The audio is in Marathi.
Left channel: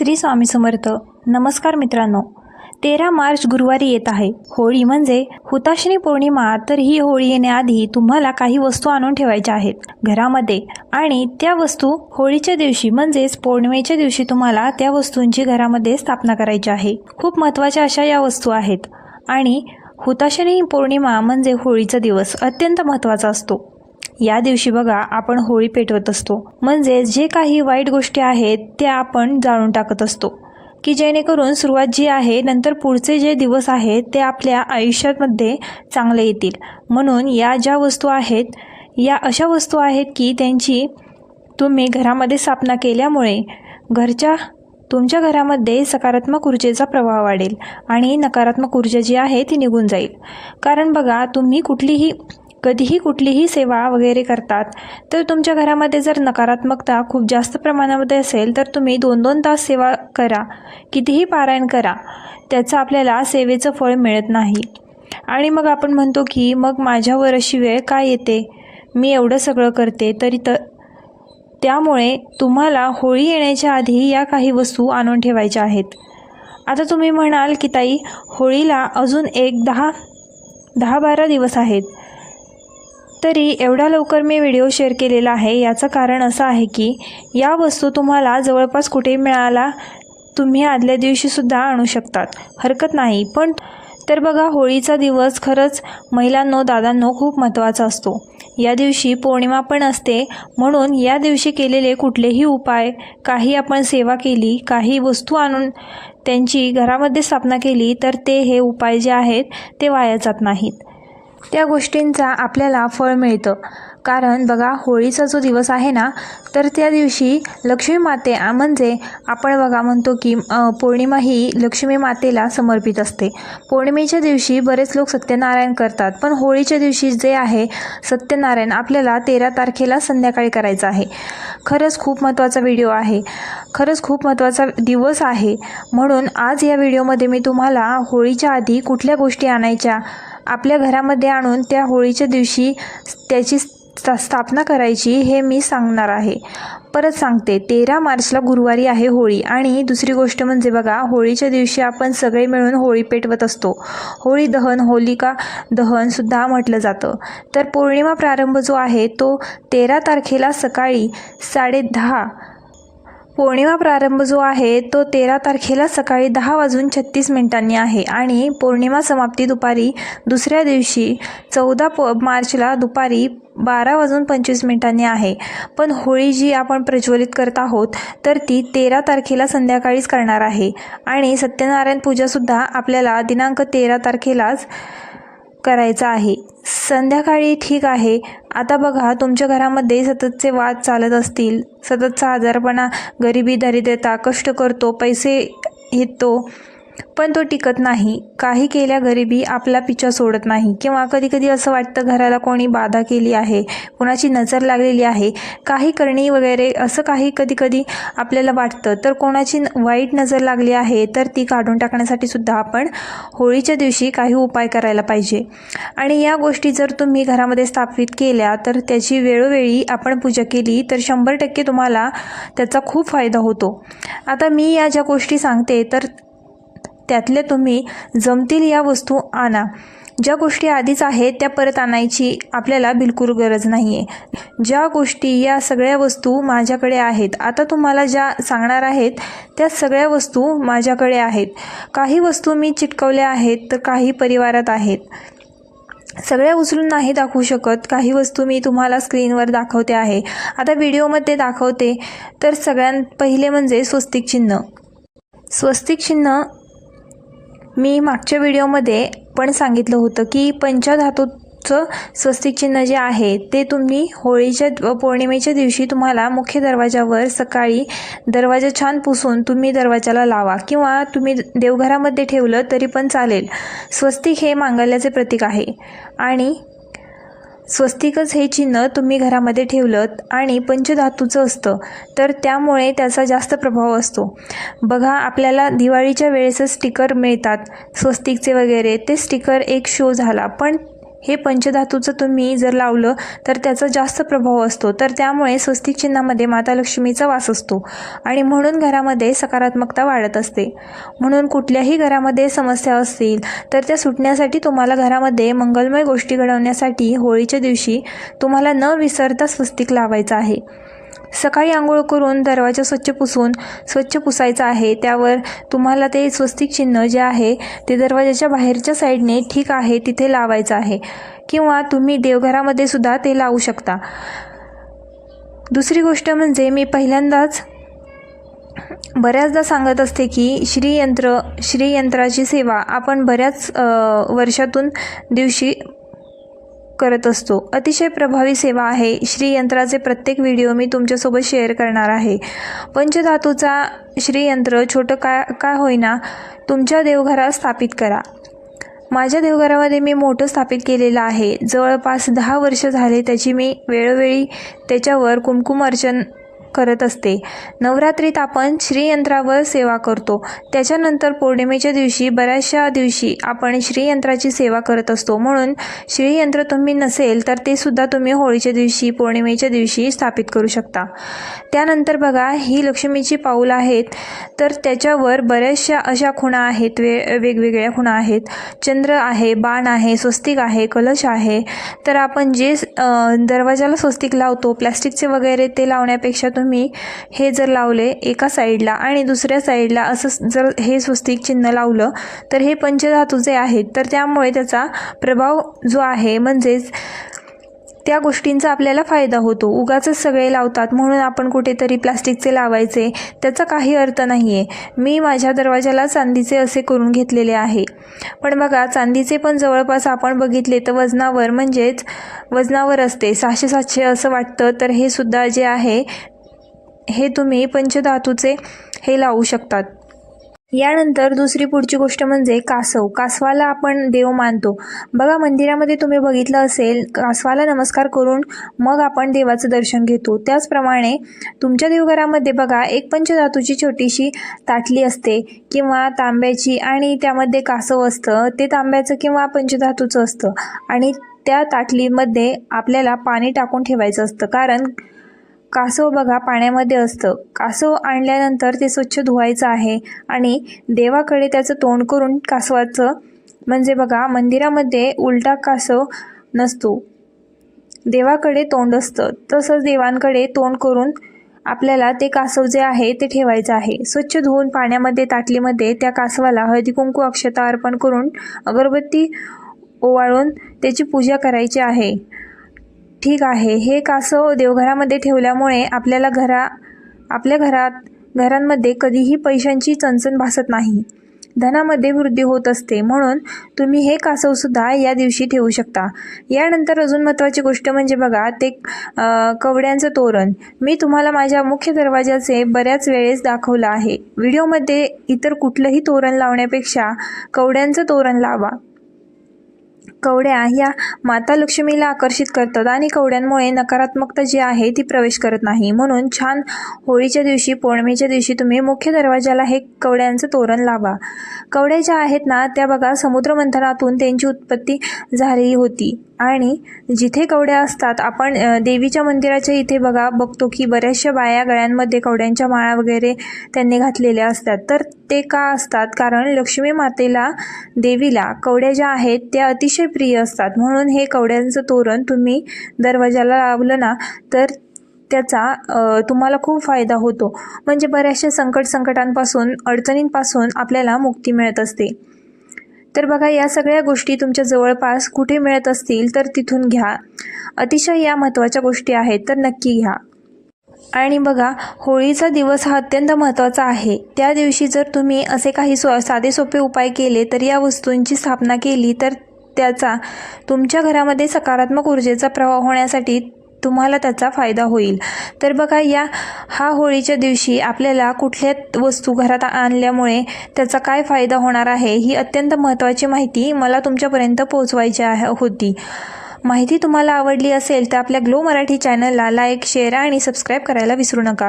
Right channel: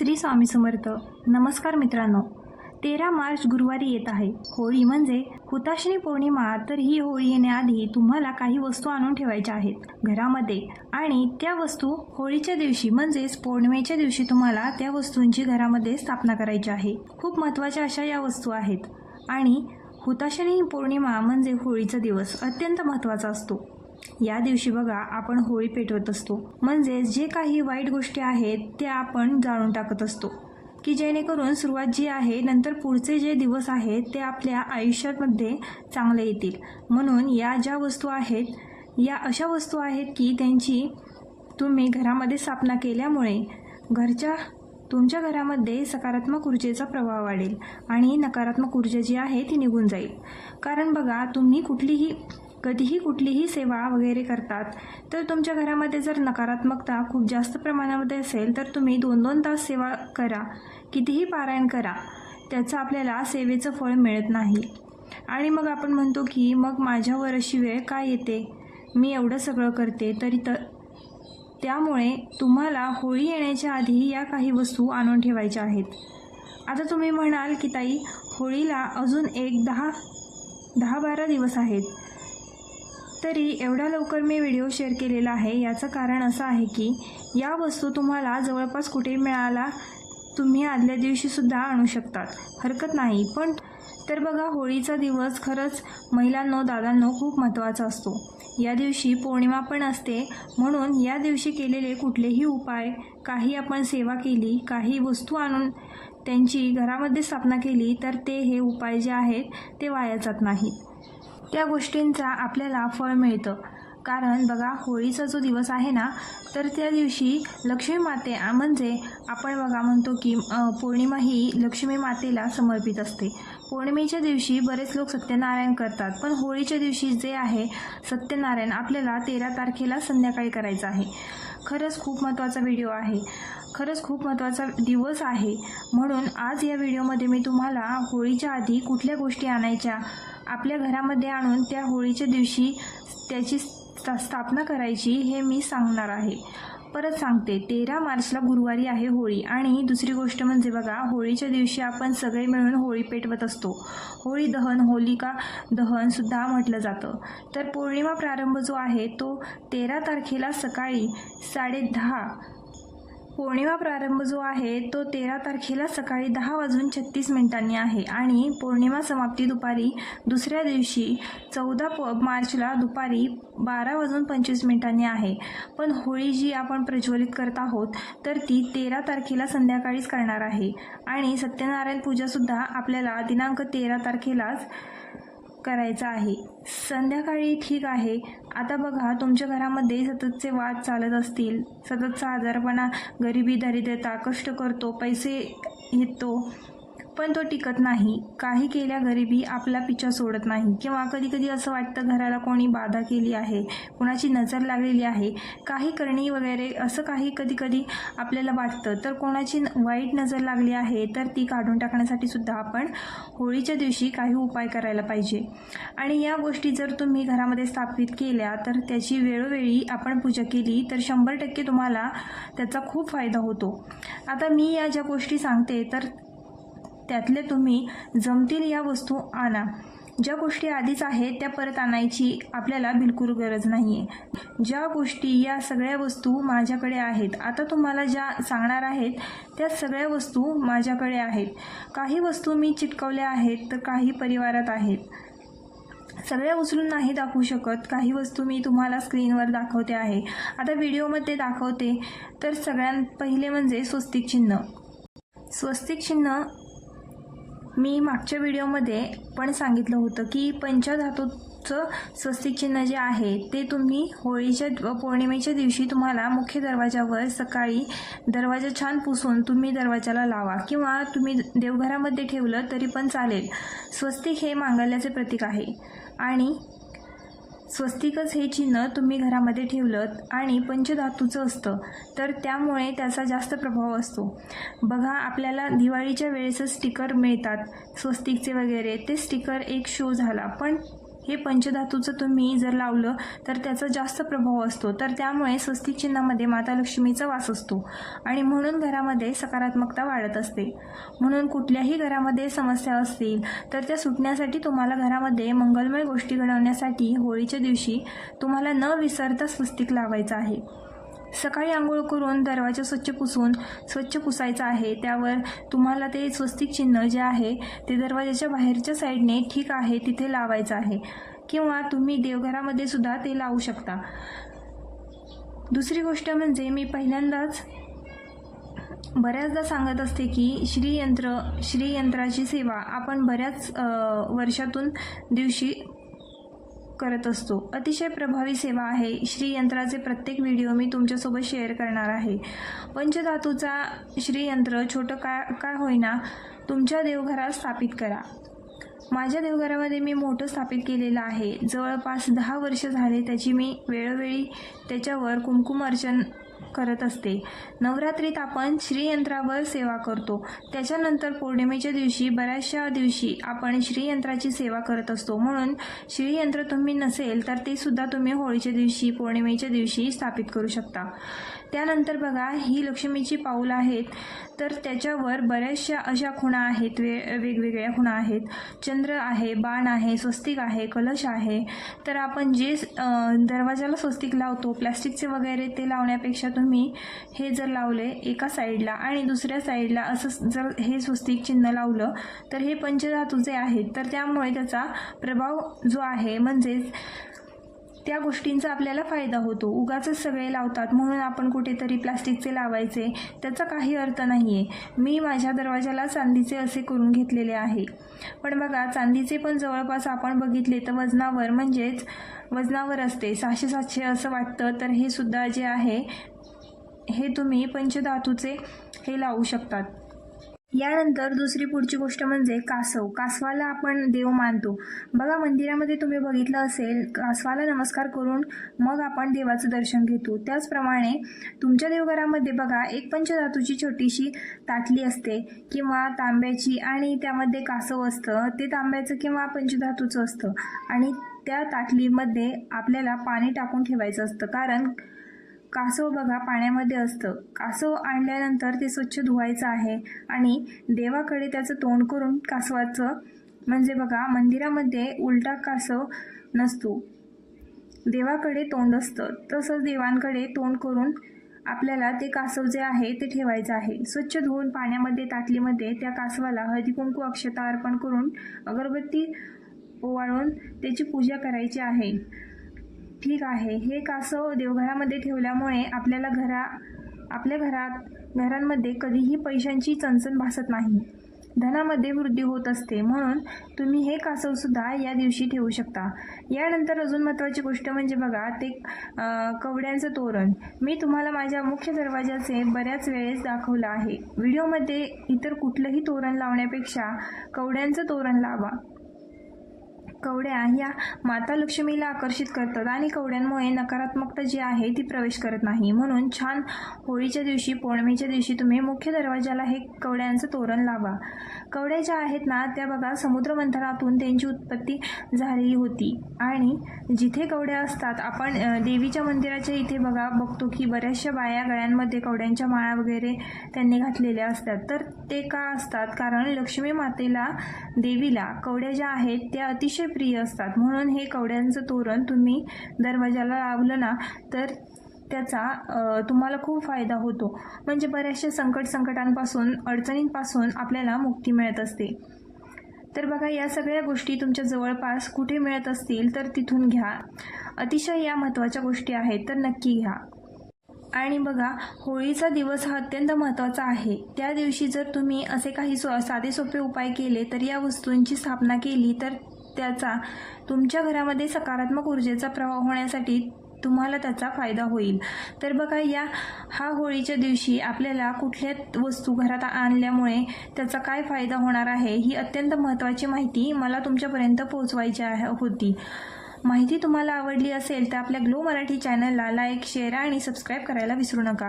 श्री स्वामी समर्थ. नमस्कार मित्रांनो. तेरा मार्च गुरुवारी येत आहे. होळी म्हणजे हुताशनी पौर्णिमा तर ही होळी येण्याआधी तुम्हाला काही वस्तू आणून ठेवायच्या आहेत. घरामध्ये. आणि त्या वस्तू होळीच्या दिवशी म्हणजेच पौर्णिमेच्या दिवशी तुम्हाला त्या वस्तूंची घरामध्ये स्थापना करायची आहे. खूप महत्त्वाच्या अशा या वस्तू आहेत. आणि हुताशनी पौर्णिमा म्हणजे होळीचा दिवस अत्यंत महत्त्वाचा असतो. या दिवशी बघा आपण होळी पेटवत असतो. म्हणजे जे काही वाईट गोष्टी आहेत त्या आपण जाळून टाकत असतो. की जेणेकरून सुरुवात जी आहे नंतर पुढचे जे दिवस आहेत ते आपल्या आयुष्यामध्ये चांगले येतील. म्हणून या ज्या वस्तू आहेत या अशा वस्तू आहेत की त्यांची तुम्ही घरामध्ये स्थापना केल्यामुळे घरच्या तुमच्या घरामध्ये सकारात्मक ऊर्जेचा प्रभाव वाढेल आणि नकारात्मक ऊर्जा जी आहे ती निघून जाईल. कारण बघा तुम्ही कुठलीही कधीही कुठलीही सेवा वगैरे करतात तर तुमच्या घरामध्ये जर नकारात्मकता खूप जास्त प्रमाणामध्ये असेल तर तुम्ही दोन दोन तास सेवा करा कितीही पारायण करा त्याचं आपल्याला सेवेचं फळ मिळत नाही. आणि मग आपण म्हणतो की मग माझ्यावर अशी वेळ काय येते? मी एवढं सगळं करते तरी तर त्यामुळे तुम्हाला होळी येण्याच्या आधी या काही वस्तू आणून ठेवायच्या आहेत. आता तुम्ही म्हणाल की ताई होळीला अजून एक दहा दहा बारा दिवस आहेत. तरी एवढ्या लवकर मी व्हिडिओ शेअर केलेला आहे. याचं कारण असं आहे की या वस्तू तुम्हाला जवळपास कुठेही मिळाला तुम्ही आदल्या दिवशीसुद्धा आणू शकतात. हरकत नाही. पण तर बघा होळीचा दिवस खरंच महिलांनो दादांनो खूप महत्त्वाचा असतो. या दिवशी पौर्णिमा पण असते. म्हणून या दिवशी केलेले कुठलेही उपाय काही आपण सेवा केली काही वस्तू आणून त्यांची घरामध्ये स्थापना केली तर ते हे उपाय जे आहेत ते वाया जात नाहीत. त्या गोष्टींचा आपल्याला फळ मिळतं. कारण बघा होळीचा जो दिवस आहे ना तर त्या दिवशी लक्ष्मी माते म्हणजे आपण बघा म्हणतो की पौर्णिमा ही लक्ष्मी मातेला समर्पित असते. पौर्णिमेच्या दिवशी बरेच लोक सत्यनारायण करतात. पण होळीच्या दिवशी जे आहे सत्यनारायण आपल्याला तेरा तारखेला संध्याकाळी करायचं आहे. खरंच खूप महत्त्वाचा व्हिडिओ आहे. खरंच खूप महत्त्वाचा दिवस आहे. म्हणून आज या व्हिडिओमध्ये मी तुम्हाला होळीच्या आधी कुठल्या गोष्टी आणायच्या आपल्या घरामध्ये आणून त्या होळीच्या दिवशी त्याची स्थापना करायची हे मी सांगणार आहे. परत सांगते तेरा मार्चला गुरुवारी आहे होळी आणि दुसरी गोष्ट म्हणजे बघा होळीच्या दिवशी आपण सगळे मिळून होळी पेटवत असतो. होळी दहन होलिका दहनसुद्धा म्हटलं जातं. तर पौर्णिमा प्रारंभ जो आहे तो तेरा तारखेला सकाळी साडे दहा पौर्णिमा प्रारंभ जो आहे तो तेरा तारखेला सकाळी दहा वाजून छत्तीस मिनिटांनी आहे आणि पौर्णिमा समाप्ती दुपारी दुसऱ्या दिवशी चौदा प मार्चला दुपारी बारा वाजून पंचवीस मिनिटांनी आहे. पण होळी जी आपण प्रज्वलित करत आहोत तर ती तेरा तारखेला संध्याकाळीच करणार आहे. आणि सत्यनारायण पूजासुद्धा आपल्याला दिनांक तेरा तारखेलाच करायचा आहे. संध्याकाळी ठीक आहे. आता बघा तुमच्या घरामध्ये सततचे वाद चालत असतील. सततचा आजारपणा गरिबी दारिद्र्यता कष्ट करतो पैसे येतो पण तो टिकत नाही. काही केल्या गरिबी आपला पिच्छा सोडत नाही. किंवा कधीकधी असं वाटतं घराला कोणी बाधा केली आहे कोणाची नजर लागलेली आहे काही करणी वगैरे असं काही कधीकधी आपल्याला वाटतं. तर कोणाची न- वाईट नजर लागली आहे तर ती काढून टाकण्यासाठी सुद्धा आपण होळीच्या दिवशी काही उपाय करायला पाहिजे. आणि या गोष्टी जर तुम्ही घरामध्ये स्थापित केल्या तर त्याची वेळोवेळी आपण पूजा केली तर शंभर टक्के तुम्हाला त्याचा खूप फायदा होतो. आता मी या ज्या गोष्टी सांगते तर त्यातल्या तुम्ही जमतील या वस्तू आणा. ज्या गोष्टी आधीच आहेत त्या परत आणायची आपल्याला बिलकुल गरज नाही आहे ज्या गोष्टी या सगळ्या वस्तू माझ्याकडे आहेत आता तुम्हाला ज्या सांगणार आहेत त्या सगळ्या वस्तू माझ्याकडे आहेत. काही वस्तू मी चिटकवल्या आहेत तर काही परिवारात आहेत. सगळ्या उचलून नाही दाखवू शकत काही वस्तू मी तुम्हाला स्क्रीनवर दाखवते आहे. आता व्हिडिओमध्ये दाखवते तर सगळ्यात पहिले म्हणजे स्वस्तिक चिन्ह. स्वस्तिक चिन्ह मी मागच्या व्हिडिओमध्ये पण सांगितलं होतं की पंचधातूचं स्वस्तिक चिन्ह जे आहे ते तुम्ही होळीच्या पौर्णिमेच्या दिवशी तुम्हाला मुख्य दरवाजावर सकाळी दरवाजा छान पुसून तुम्ही दरवाजाला लावा किंवा तुम्ही देवघरामध्ये ठेवलं तरी पण चालेल. स्वस्तिक हे मांगल्याचे प्रतीक आहे. आणि स्वस्तिकच हे चिन्ह तुम्ही घरामध्ये ठेवलं आणि पंचधातूचं असतं. तर त्यामुळे त्याचा जास्त प्रभाव असतो. बघा आपल्याला दिवाळीच्या वेळेसच स्टिकर मिळतात. स्वस्तिकचे वगैरे ते स्टिकर एक शो झाला. पण हे पंचधातूचं तुम्ही जर लावलं तर त्याचा जास्त प्रभाव असतो. तर त्यामुळे स्वस्तिक चिन्हामध्ये माता लक्ष्मीचा वास असतो आणि म्हणून घरामध्ये सकारात्मकता वाढत असते. म्हणून कुठल्याही घरामध्ये समस्या असतील तर त्या सुटण्यासाठी तुम्हाला घरामध्ये मंगलमय गोष्टी घडवण्यासाठी होळीच्या दिवशी तुम्हाला न विसरता स्वस्तिक लावायचं आहे. सकाळी आंघोळ करून दरवाजा स्वच्छ पुसून स्वच्छ पुसायचा आहे. त्यावर तुम्हाला ते स्वस्तिक चिन्ह जे आहे ते दरवाजाच्या बाहेरच्या साईडने ठीक आहे तिथे लावायचं आहे. किंवा तुम्ही देवघरामध्ये सुद्धा ते लावू शकता. दुसरी गोष्ट म्हणजे मी पहिल्यांदाच बऱ्याचदा सांगत असते की श्रीयंत्र श्रीयंत्राची सेवा आपण बऱ्याच वर्षातून दिवशी करत असतो. अतिशय प्रभावी सेवा आहे. श्रीयंत्राचे प्रत्येक व्हिडिओ मी तुमच्यासोबत शेअर करणार आहे. पंचधातूचा श्रीयंत्र छोटं काय काय होईना तुमच्या देवघरात स्थापित करा. माझ्या देवघरामध्ये मी मोठं स्थापित केलेलं आहे. जवळपास दहा वर्ष झाले त्याची मी वेळोवेळी त्याच्यावर कुमकुम अर्चन करत असते. नवरात्रीत आपण श्रीयंत्रावर सेवा करतो. त्याच्यानंतर पौर्णिमेच्या दिवशी बऱ्याचशा दिवशी आपण श्रीयंत्राची सेवा करत असतो. म्हणून श्रीयंत्र तुम्ही नसेल तर ते सुद्धा तुम्ही होळीच्या दिवशी पौर्णिमेच्या दिवशी स्थापित करू शकता. त्यानंतर बघा ही लक्ष्मीची पाऊल आहेत. तर त्याच्यावर बऱ्याचशा अशा खुणा आहेत. वे वेगवेगळ्या खुणा आहेत. चंद्र आहे बाण आहे स्वस्तिक आहे कलश आहे. तर आपण जे दरवाजाला स्वस्तिक लावतो प्लॅस्टिकचे वगैरे ते लावण्यापेक्षा तुम्ही हे जर लावले एका साईडला आणि दुसऱ्या साईडला असं जर हे स्वस्तिक चिन्ह लावलं तर हे पंचधातू जे आहेत तर त्यामुळे त्याचा प्रभाव जो आहे म्हणजेच त्या गोष्टींचा आपल्याला फायदा होतो. उगाचच सगळे लावतात म्हणून आपण कुठेतरी प्लास्टिकचे लावायचे त्याचा काही अर्थ नाही आहे मी माझ्या दरवाजाला चांदीचे असे करून घेतलेले आहे. पण बघा चांदीचे पण जवळपास आपण बघितले तर वजनावर म्हणजेच वजनावर असते. सहाशे सातशे असं वाटतं तर हे सुद्धा जे आहे हे तुम्ही पंचधातूचे हे लावू शकतात. यानंतर दुसरी पुढची गोष्ट म्हणजे कासव. कासवाला आपण देव मानतो. बघा मंदिरामध्ये तुम्ही बघितलं असेल कासवाला नमस्कार करून मग आपण देवाचं दर्शन घेतो. त्याचप्रमाणे तुमच्या देवघरामध्ये बघा एक पंचधातूची छोटीशी ताटली असते किंवा तांब्याची आणि त्यामध्ये कासव असतं. ते तांब्याचं किंवा पंचधातूचं असतं. आणि त्या ताटलीमध्ये आपल्याला पाणी टाकून ठेवायचं असतं. कारण कासव बघा पाण्यामध्ये असतं. कासव आणल्यानंतर ते स्वच्छ धुवायचं आहे आणि देवाकडे त्याचं तोंड करून कासवाचं म्हणजे बघा मंदिरामध्ये उलटा कासव नसतो. देवाकडे तोंड असतं. तसंच देवांकडे तोंड करून आपल्याला ते कासव जे आहे ते ठेवायचं आहे. स्वच्छ धुवून पाण्यामध्ये ताटलीमध्ये त्या कासवाला हळदी कुंकू अक्षता अर्पण करून अगरबत्ती ओवाळून त्याची पूजा करायची आहे. ठीक आहे. हे कासव देवघरामध्ये ठेवल्यामुळे आपल्याला घरा आपल्या घरात घरांमध्ये कधीही पैशांची चणचण भासत नाही. धनामध्ये वृद्धी होत असते. म्हणून तुम्ही हे कासवसुद्धा या दिवशी ठेवू शकता. यानंतर अजून महत्त्वाची गोष्ट म्हणजे बघा ते कवड्यांचं तोरण. मी तुम्हाला माझ्या मुख्य दरवाजाचे बऱ्याच वेळेस दाखवलं आहे. व्हिडिओमध्ये इतर कुठलंही तोरण लावण्यापेक्षा कवड्यांचं तोरण लावा. कवड्या ह्या माता लक्ष्मीला आकर्षित करतात आणि कवड्यांमुळे नकारात्मकता जी आहे ती प्रवेश करत नाही. म्हणून छान होळीच्या दिवशी पौर्णिमेच्या दिवशी तुम्ही मुख्य दरवाजाला हे कवड्यांचं तोरण लावा. कवड्या ज्या आहेत ना त्या बघा समुद्रमंथनातून त्यांची उत्पत्ती झालेली होती. आणि जिथे कवड्या असतात आपण देवीच्या मंदिराच्या इथे बघा बघतो की बऱ्याचशा बाया गळ्यांमध्ये कवड्यांच्या माळा वगैरे त्यांनी घातलेल्या असतात. तर ते का असतात? कारण लक्ष्मी मातेला देवीला कवड्या ज्या आहेत त्या अतिशय प्रिय असतात. म्हणून हे कवड्यांचं तोरण तुम्ही दरवाजाला लावलं ना तर त्याचा तुम्हाला खूप फायदा होतो. म्हणजे बऱ्याचशा संकट संकटांपासून अडचणींपासून आपल्याला मुक्ती मिळत असते. तर बघा या सगळ्या गोष्टी तुमच्या जवळपास कुठे मिळत असतील तर तिथून घ्या. अतिशय या महत्त्वाच्या गोष्टी आहेत तर नक्की घ्या. आणि बघा होळीचा दिवस हा अत्यंत महत्त्वाचा आहे. त्या दिवशी जर तुम्ही असे काही सो साधे सोपे उपाय केले तर या वस्तूंची स्थापना केली तर त्याचा तुमच्या घरामध्ये सकारात्मक ऊर्जेचा प्रवाह होण्यासाठी तुम्हाला त्याचा फायदा होईल. तर बघा या हा होळीच्या दिवशी आपल्याला कुठल्या वस्तू घरात आणल्यामुळे त्याचा काय फायदा होणार आहे ही अत्यंत महत्त्वाची माहिती मला तुमच्यापर्यंत पोहोचवायची आहे होती. माहिती तुम्हाला आवडली असेल तर आपल्या ग्लो मराठी चॅनलला लाईक शेअर आणि सबस्क्राईब करायला विसरू नका.